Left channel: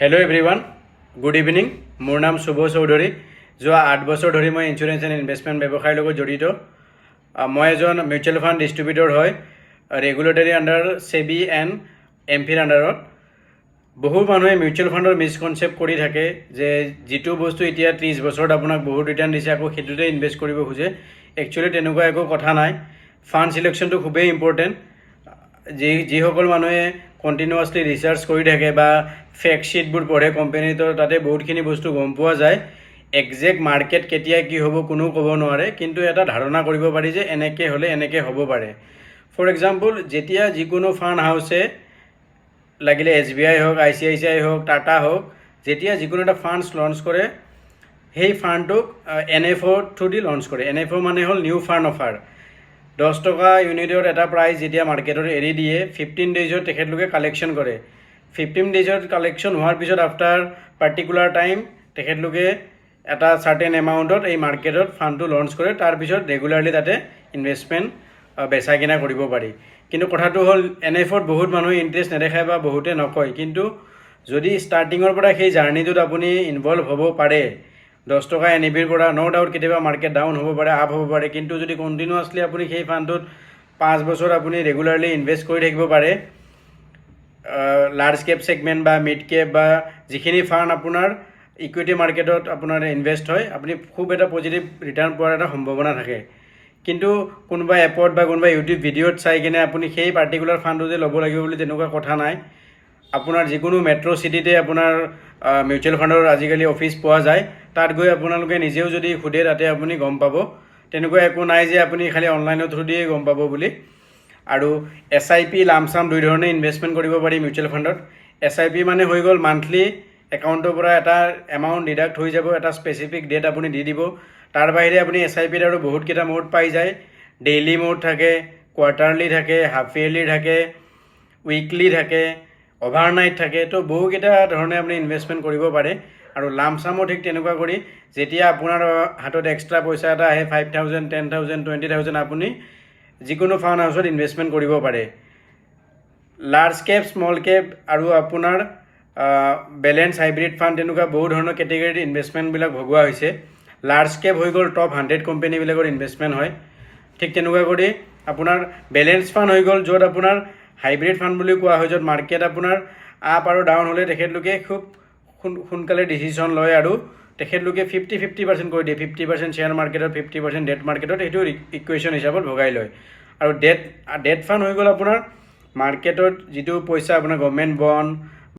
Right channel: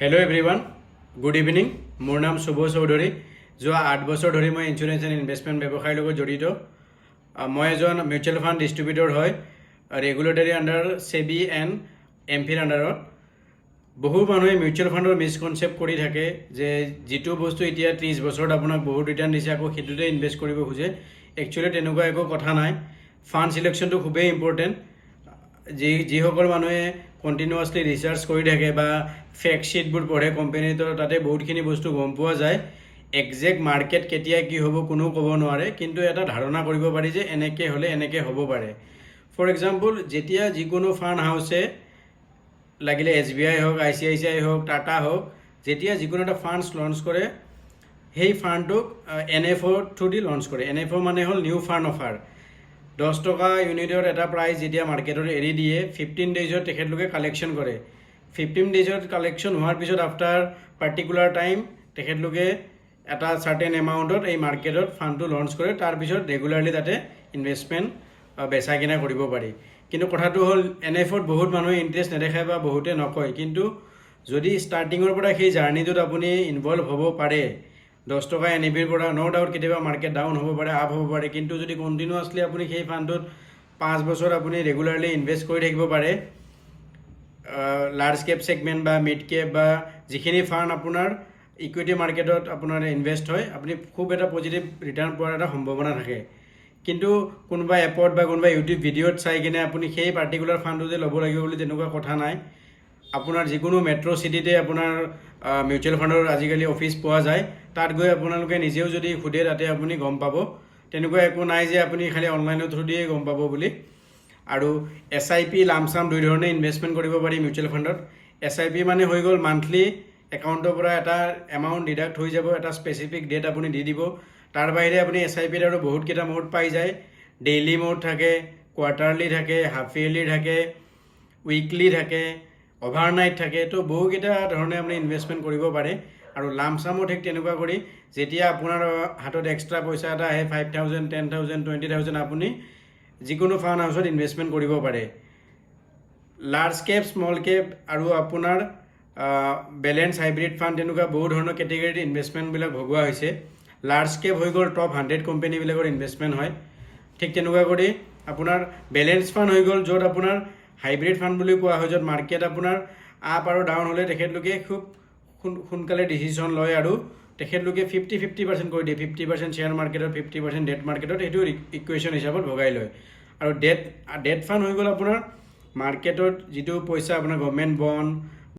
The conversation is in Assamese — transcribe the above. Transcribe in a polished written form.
Hello' everyone, good evening. মোৰ নাম শুভ চৌধুৰী। যোৱা 8 বছৰ ধৰি মই ইঞ্চুৰেঞ্চ এণ্ড ইনভেষ্টমেণ্ট ব্যৱসায়ৰ লগত জড়িত। মই এজন মিউচুৱেল ফাণ্ড ডিষ্ট্ৰিবিউটৰ হয়, ৰেগুলেটৰী আণ্ডাৰ সেবি এণ্ড এমফিৰ আণ্ডাৰত। বহু মানুহে মিউচুৱেল ফাণ্ডৰ মিছকনচেপ্ট কৰি থাকে যে যিটো বস্তু এতিয়া 30 বছৰত আপোনাক বহুত ৰিটাৰ্ণ দিছে আকৌ সেইটোতে ইনভেষ্ট কৰিব খোজে। একচুৱেলি তেনেকুৱা একো কথা নাই। ফাণ্ড চিলেকশ্যনটো খুবেই ইম্পৰ্টেণ্ট। যিসকল মানুহে কণ্টিনিউৱাছলি ৰিচাৰ্চ কৰি থাকে বা ফেক্ট শ্বীটবোৰ পঢ়ে কোম্পানীটোৰ, তাতে বহুতখিনি বস্তু গম পোৱা যায়। একজেক্ট মাৰ্কেট কেতিয়া কি হ'ব কোনো ক'ব নোৱাৰে, কিন্তু এটা ধাৰণা কৰিব পাৰি যে এনেকৈ হ'লে এনেকৈ হ'ব পাৰে। ফৰ এক্সাম্পল, যেতিয়া যিকোনো ফাণ্ড হাউচে লাগিলে SBI হওক, ICICI হওক, টাটা হওক, যেতিয়া যিকোনো এটা ফাণ্ডছ লঞ্চ কৰে, সেই ফাণ্ডটোক NFO থ্ৰু দি লঞ্চ কৰে। NFO মানে হ'ল নিউ ফাণ্ড অফাৰ। 10 টকা ইউনিটৰ এটা প্ৰাইচ যেতিয়া মাৰ্কেটত এৰি দিয়ে, 15 ডেইজত তেখেতলোকে কালেকশ্যন কৰে। 15 ডেইজত কালেকশ্যন হোৱাৰ পিছত আফটাৰ পাৰ্টিকুলাৰ টাইম তেখেতলোকে এটা চাৰ্টেন এমাউণ্টত এই মাৰ্কেটত ফাণ্ডটো লঞ্চ কৰে। তাৰপিছত ৰেগুলাৰলি তাতে ইনভেষ্টমেণ্ট বেচা কিনা কৰিব পাৰি। কিন্তু কথাটো হ'ল NFOত বহুত মানুহে ইণ্টাৰেষ্ট নেদেখায় বা বহুতে নকয়, কিন্তু যদি ষ্টাৰ্টিঙৰ পৰা সেই জাৰ্ণিটোত আপুনি ইনভল্ভ হ'ব পাৰে, 10 টকা NAVৰ পৰা ন' ডাউট কেতিয়াবা মাৰ্কেট ডাউন হ'ব পাৰে, আপ হ'ব পাৰে, কিন্তু যদি কণ্টিনিউৱাছলি আপুনি সেই ফাণ্ডটোত 5 বছৰ আপুনি ৰেগুলাৰলি ইনভেষ্ট কৰি থাকিব পাৰে, লাৰ্জ কেপ ছেগমেণ্ট বা মিড কেপ বা যিখিনি ফাণ্ড আপোনাৰ ইকুইটি মাৰ্কেটত আপোনাৰ ইনভেষ্ট হয়, আপুনি খুব এটা পজিটিভ ৰিটাৰ্ণ পোৱাৰ এটা সম্ভাৱনা থাকে। কিন্তু কোনোবা এপত বা কোনোবা ইউটিউব ভিডিঅ'ত চাই কিনে আপুনি সেই পাৰ্টিকুলাৰ ফাণ্ডটো যে ল'ব লাগিব বুলি তেনেকুৱা কথা নাই। আপোনাৰ যিকোনো মেট্ৰ' চিটিতে আপোনাৰ মিউচুৱেল ফাণ্ডৰ আজিকালি অফিচ পোৱা যায়। তাত গৈ আপোনালোকে নিজেও যদি সোধে তাতে আপুনি গম পাব। তেনেকুৱা একো নাই যে আপুনি খালি অনলাইনৰ থ্ৰু দিয়ে গম পাব বুলি। আৰু SIP লামচাম দুই ধৰণে ইনভেষ্টমেণ্ট কৰিব পাৰি মিউচুৱেল ফাণ্ডত। SIP মানে হৈ গ'ল মান্থলি একাউণ্টৰ পৰা এটা এমাউণ্ট ডিডাক্ট হৈ যাব, এটা স্পেচিফিক ডেট আপুনি দি দিব। তাৰ বাহিৰে আপুনি SIPত আৰু বহুতকেইটা মোড পাই যায়। ডেইলি মোড থাকে, কোৱাৰ্টাৰলি থাকে, হাফ ইয়েৰলি থাকে, উইকলি থাকে, অভাৰনাইট থাকে। তো বহুকেইটা ধৰণে আপুনি ইনভেষ্টমেণ্ট কৰিব পাৰে। আৰু লামচামো ঠিক তেনেকুৱা কৰি যেতিয়া আপোনাৰ হাতত এক্সট্ৰা পইচা এটা আহে 5,000, 10,000, 20,000 আপুনি যিকোনো ফাণ্ড হাউচত ইনভেষ্টমেণ্ট কৰিব পাৰে। লাৰ্জ কেপ, স্মল কেপ আৰু আপোনাৰ বেলেঞ্চ হাইব্ৰিড ফাণ্ড তেনেকুৱা বহু ধৰণৰ কেটেগৰীত ইনভেষ্টমেণ্টবিলাক ভগোৱা হৈছে। লাৰ্জ কেপ হৈ গ'ল টপ 100 কোম্পানীবিলাকৰ ইনভেষ্টমেণ্ট হয়। ঠিক তেনেকুৱা কৰি আপোনাৰ বেলেঞ্চ ফাণ্ড হৈ গ'ল, য'ত আপোনাৰ হাইব্ৰিড ফাণ্ড বুলি কোৱা হয়, য'ত মাৰ্কেট আপোনাৰ আপ আৰু ডাউন হ'লে তেখেতলোকে খুব সোনকালে ডিচিশ্যন লয় আৰু তেখেতলোকে 50-50% কৰি দিয়ে। 50% শ্বেয়াৰ মাৰ্কেটত, 50% ডেট মাৰ্কেটত, সেইটো ইকুৱেশ্যন হিচাপত ভগাই লয়। আৰু ডেট ফাণ্ড হৈ গ'ল আপোনাৰ মাৰ্কেটত যিটো পইচা আপোনাৰ গভৰ্ণমেণ্ট বণ্ড,